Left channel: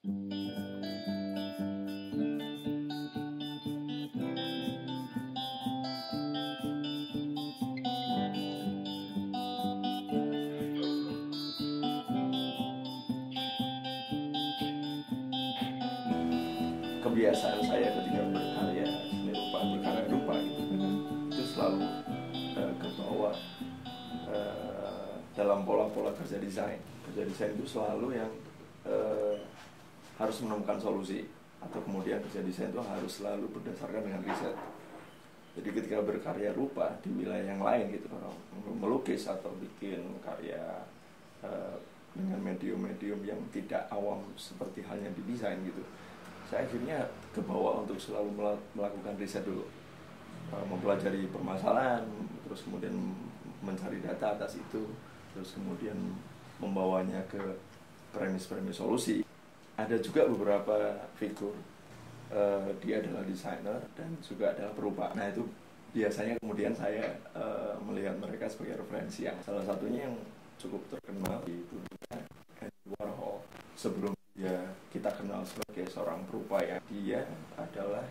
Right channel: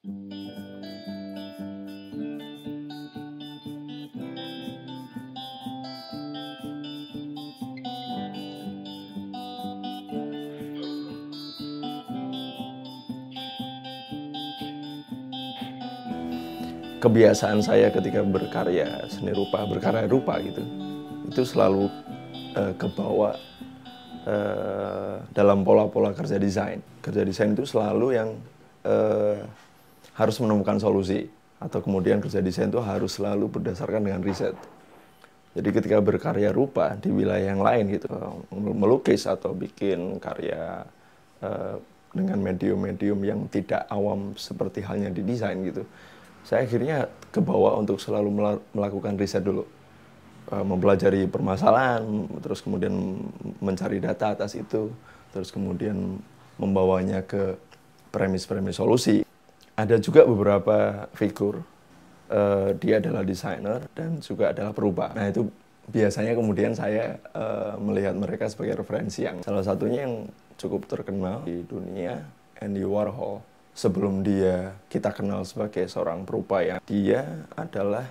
Kebiasaan saya ketika berkarya seni rupa, berkarya rupa gitu, itu selalu kebawa dalam pola-pola kerja desain. Kerja desain itu selalu yang harus menemukan solusi, atau kemudian kerja desain itu harus selalu berdasarkan dengan riset. Jadi ketika berkarya rupa di wilayah yang lain gitu, melukis atau bikin karya dengan medium-medium yang tidak awam seperti halnya di desain gitu, saya akhirnya kebawa untuk selalu melakukan riset dulu, mempelajari permasalahan, terus kemudian mencari data atas itu, terus kemudian membawanya ke premis-premis solusi. Ada juga beberapa figur, dia adalah desainer dan juga adalah perubah. Nah itu biasanya kemudian saya melihat mereka sebagai referensi, yang salah satunya yang cukup terkenal di dunia, Andy Warhol. Sebelum kita kenal sebagai seorang perupaya, dia adalah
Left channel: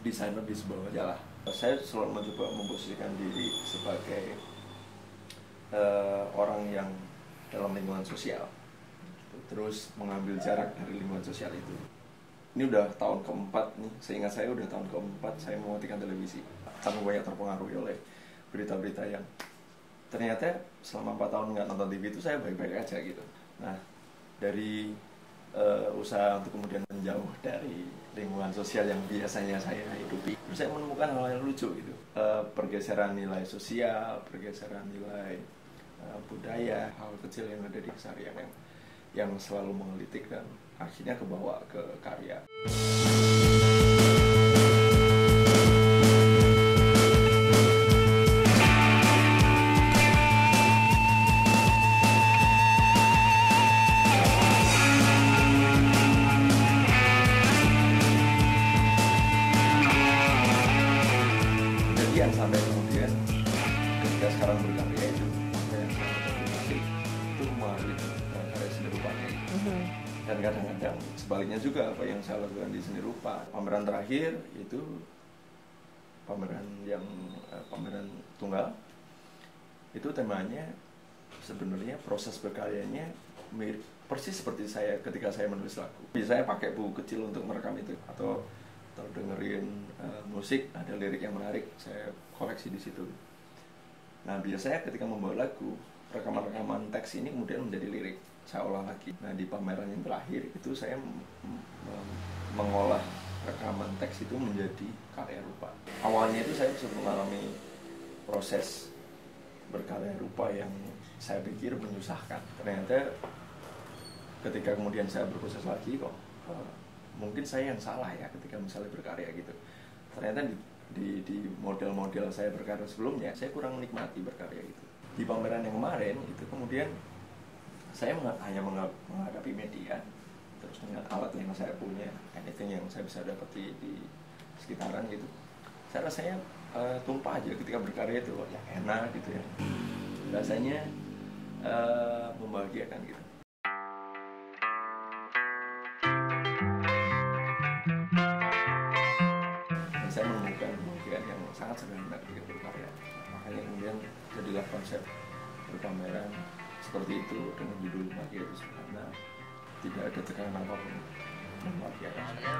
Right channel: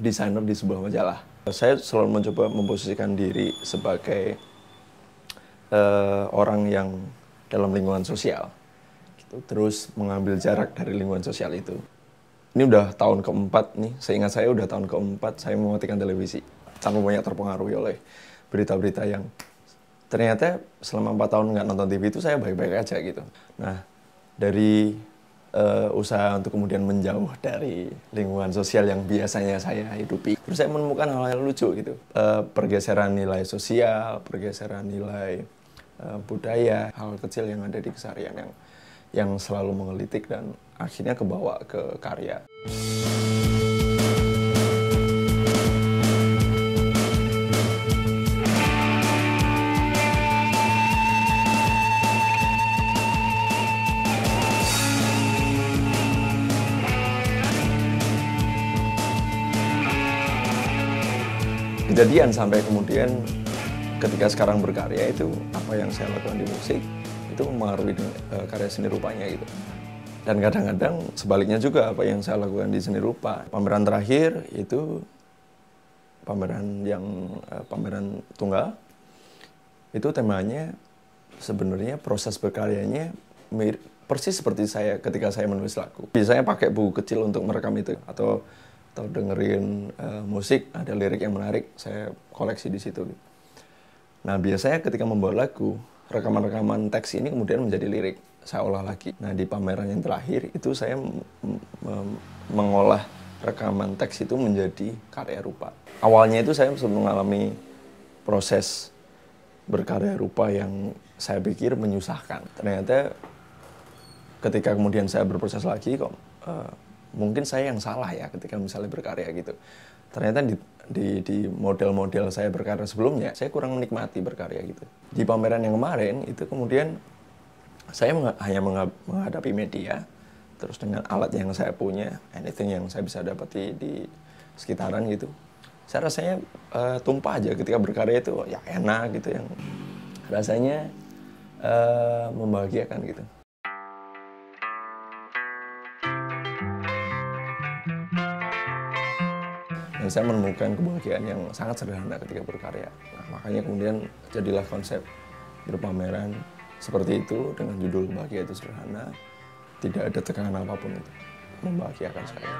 desainer di sebuah majalah. Saya selalu mencoba memposisikan diri sebagai orang yang dalam lingkungan sosial, gitu. Terus mengambil jarak dari lingkungan sosial itu. Ini udah tahun keempat nih, seingat saya udah tahun keempat saya mematikan televisi. Sangat banyak terpengaruhi oleh berita-berita yang ternyata selama 4 tahun nggak nonton TV itu saya baik-baik aja gitu. Nah, dari usaha untuk kemudian menjauh dari lingkungan sosial yang biasanya saya hidupi, terus saya menemukan hal-hal lucu gitu, pergeseran nilai sosial, pergeseran nilai budaya, hal kecil yang ada di keseharian yang selalu menggelitik dan akhirnya kebawa ke karya. Kejadian sampai kemudian ketika sekarang berkarya itu, apa yang saya lakukan di musik itu mempengaruhi karya seni rupanya gitu. Dan kadang-kadang sebaliknya juga, apa yang saya lakukan di seni rupa. Pameran terakhir itu pameran tunggal, itu temanya sebenarnya proses berkaryanya mirip persis seperti saya ketika saya menulis lagu. Biasanya pakai buku kecil untuk merekam itu, atau dengerin musik, ada lirik yang menarik, saya koleksi di situ. Nah biasanya ketika membuat lagu, rekaman-rekaman teks ini kemudian menjadi lirik, saya olah lagi. Nah di pameran yang terakhir itu saya mengolah rekaman teks itu menjadi karya rupa. Awalnya itu saya mengalami proses berkarya rupa yang saya pikir menyusahkan. Ternyata ketika kemudian saya berproses lagi, kok mungkin saya yang salah ya ketika misalnya berkarya gitu. Ternyata di model-model saya berkarya sebelumnya, saya kurang menikmati berkarya gitu. Di pameran yang kemarin itu kemudian saya hanya menghadapi media, terus dengan alat yang saya punya, anything yang saya bisa dapati di sekitaran gitu. Saya rasanya tumpah aja ketika berkarya itu, ya enak gitu, yang rasanya membahagiakan gitu. Dan saya menemukan kebahagiaan yang sangat sederhana ketika berkarya. Nah, makanya kemudian jadilah konsep berpameran seperti itu dengan judul Bahagia Itu Sederhana. Tidak ada tekanan apapun itu membahagiakan saya.